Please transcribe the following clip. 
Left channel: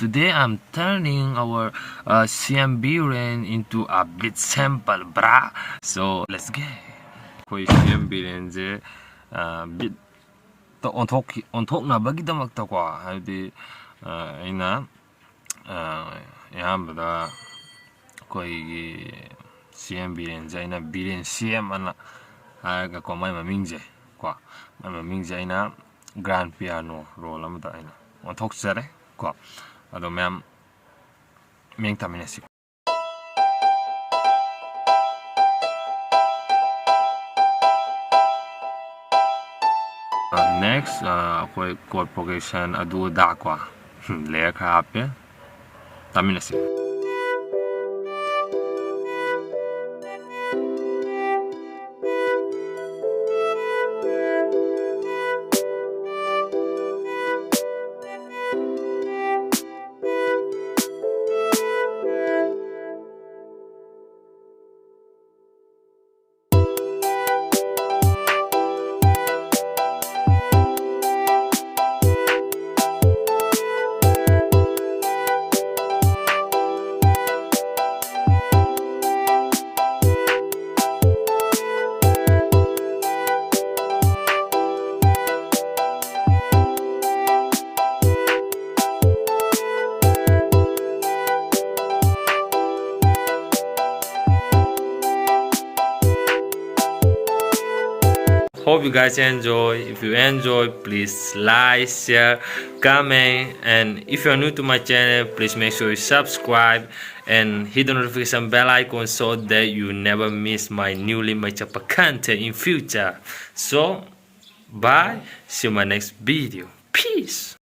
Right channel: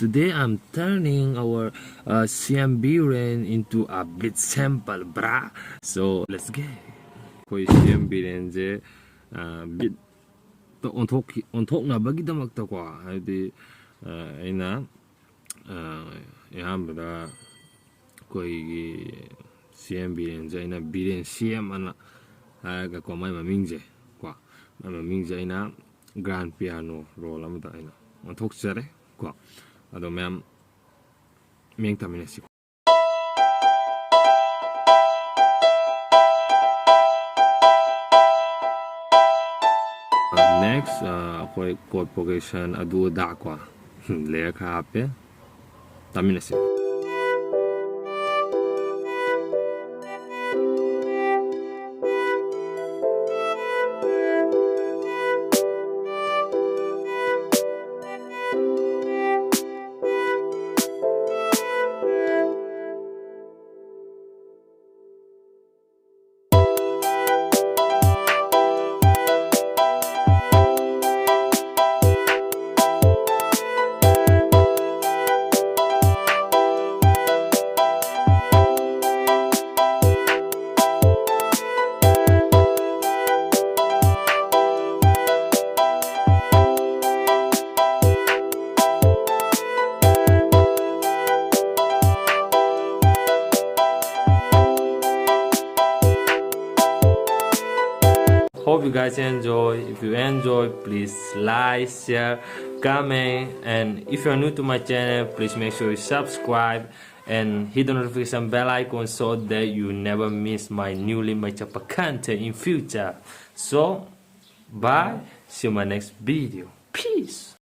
Today I'm turning our CM Biren into a blitz sample, brah. So let's get. 거의 CM Biren제 bit 또 온톡나버기다막다고 하디 아이나 야함보다 거의 CM Biren제 아이나 Biren CM 하나 하가 거 마이 마밍제 과 마이 마밍제 아이나 grand piano role 아무다 아이나 온톡자래 과 아도 맴 맹타미네시 next ako'y chord progression adu dakwa layer kape taminasi Hope you guys enjoy. If you enjoy, please like, share, comment, and if you are new to my channel, please make sure you subscribe and hit the notification bell icon so that you never miss my newly made up content in future. So bye, see you in my next video. Peace.